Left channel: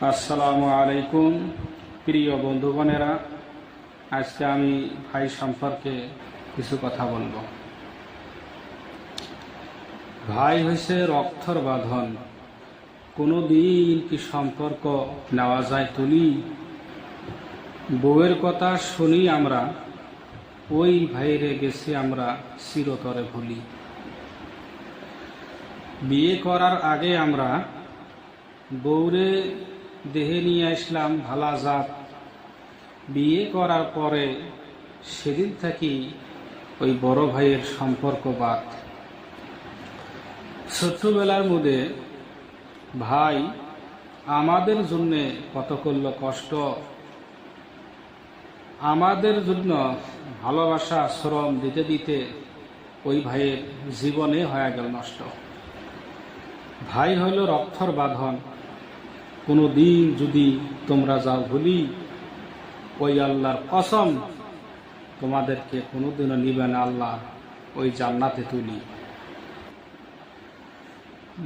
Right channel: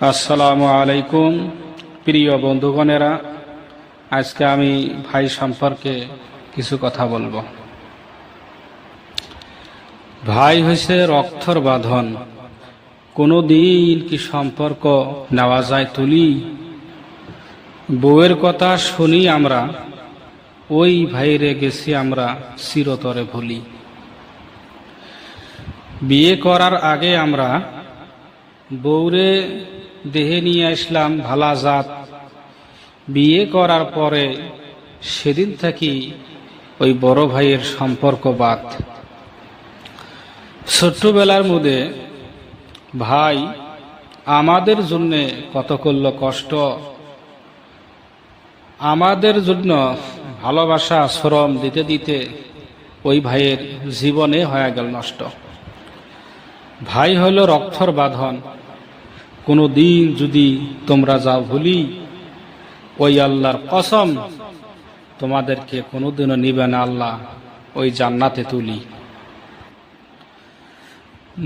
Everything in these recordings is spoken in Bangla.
আসসালামু আলাইকুম, প্রিয় বন্ধুগণেরা। আজকে আমি ভাই সম্পর্কে কিছু কথা বলব। ভাই হয়েছে রক্তর বাঁধন। কোনো দিন কি সম্পর্ক নেওয়া যায় তুলি? বউয়ের কথা শুনি আমরা, ওই ভাইরে গেছি আমরা চিরতরে ভুলি। বিয়ে করার আগে আমরা বউরে দেহে নিয়ে আসলাম ভালা জাত। বিয়ে করার পরে সেদিন থাকি ওই বড় ভাইয়ের সম্পর্ক বাদ। ছোট্টবেলার মধ্যে ভাই, আমাদের জন্যে কত করল কষ্ট। আমাদের জন্য ভালোবাসা, শ্রম দিতে দিতে ওই ভাইয়ের জীবনে হয়ে গেল নষ্ট। ভাই হইল রক্তর বাঁধন। কোনো দিন যদি তোমরা যাও ভুলি, ওই আল্লাহর কসম, তোমাদেরকে কোনোদিনও নিবে না আল্লাহ ওই জান্নাতে তুলি।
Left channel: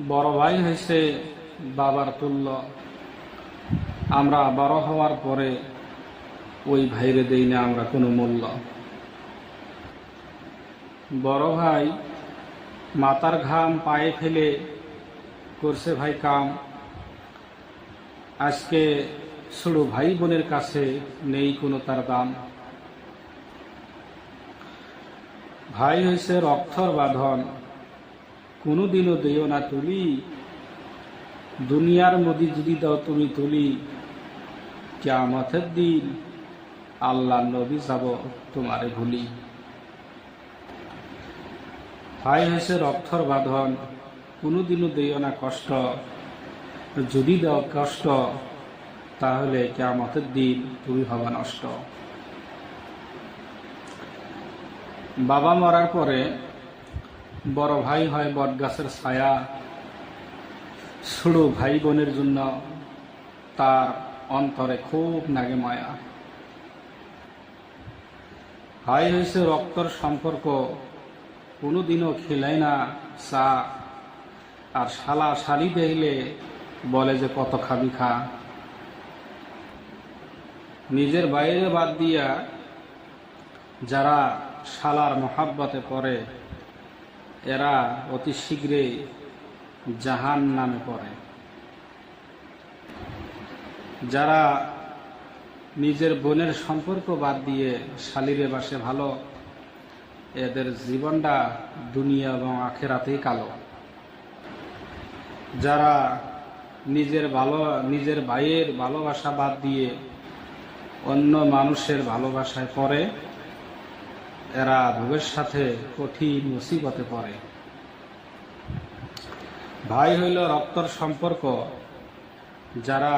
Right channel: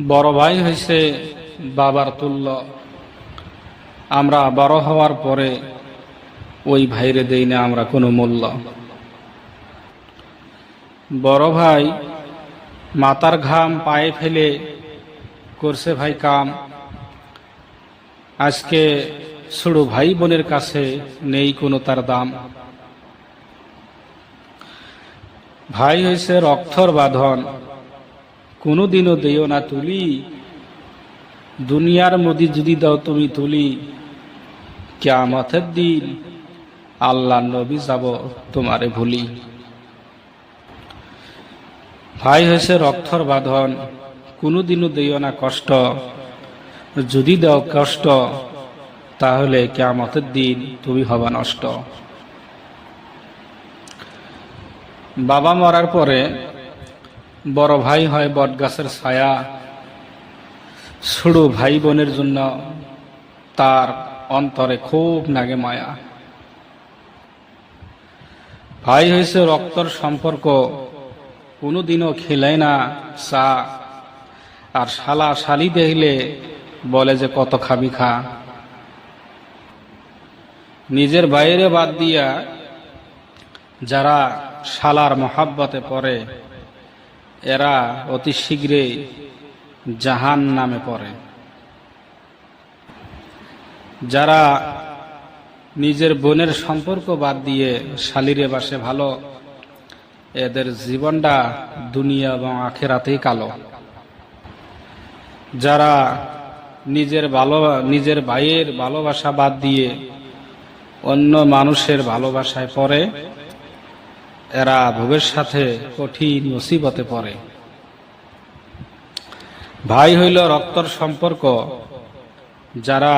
বড় ভাই হয়েছে বাবার তুল্য। আমরা বড় হওয়ার পরে ওই ভাইরে দেই না আমরা কোনো মূল্য। বড় ভাই মাতার ঘাম পায়ে ফেলে করছে ভাই কাম। আজকে ছোট ভাই বোনের কাছে নেই কোনো তার দাম। ভাই হয়েছে রক্তর বাঁধন। কোনো দিনও দিও না তুলি। দুনিয়ার মধ্যে যদি দাও তুমি তুলি কেমতের দিন আল্লাহ নবী যাব তোমারে ভুলি। ভাই হয়েছে রক্তর বাঁধন। কোনো দিনও দিও না কষ্ট। যদি দাও কষ্ট, তাহলে কেমতের দিন তুমি হবা নষ্ট। বাবা মরার পরে বড় ভাই হয় বটগাছের ছায়া। ছোট ভাই বোনের জন্য তার অন্তরে খুব নাগে মায়া। ভাই হয়েছে রক্তর সম্পর্ক, কোনোদিনও খেলায় না চা। আর শালা শালি দেখলে বলে যে, কত খাবি খা। নিজের বাইরে বাদ দিয়া যারা শালার মহাব্বতে পড়ে, এরা অতি শীঘ্রই জাহান নামে পড়ে। যারা নিজের বোনের সম্পর্ক বাদ দিয়ে শালিরে বাসে ভালো, এদের জীবনটা দুনিয়া এবং আখেরাতেই কালো। যারা নিজের ভালো, নিজের ভাইয়ের ভালোবাসা বাদ দিয়ে অন্য মানুষের ভালোবাসায় পড়ে, এরা ভবিষ্যতে কঠিন মুসিবতে পড়ে। ভাই হইল রক্তর সম্পর্ক, যারা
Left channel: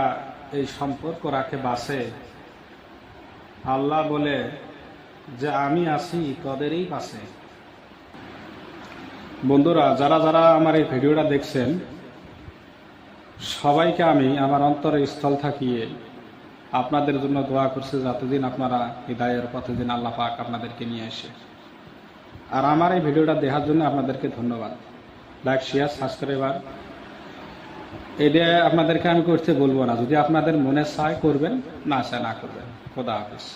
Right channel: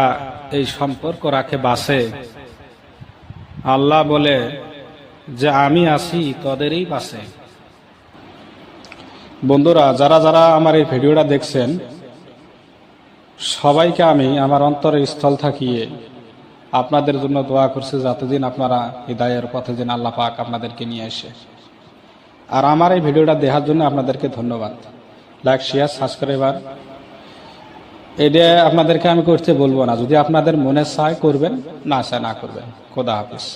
এই সম্পর্ক রাখে বাসে আল্লাহ বলে, যে আমি আছি, তোদেরই পাশে বন্ধুরা, যারা যারা আমার এই ভিডিওটা দেখছেন সবাইকে আমি আমার অন্তরের স্থল থাকিয়ে আপনাদের জন্য দোয়া করছি যতদিন আপনারা হৃদয়ের পথে যেন আল্লাহ পাক আপনাদেরকে নিয়ে আসে। আর আমার এই ভিডিওটা দেখার জন্য আপনাদেরকে ধন্যবাদ। লাইক শেয়ার সাবস্ক্রাইবার এটা আপনাদেরকে আমি করতে বলব না। যদি আপনাদের মনে চায় করবেন, না চায় না করবেন। খোদা হাফিজ।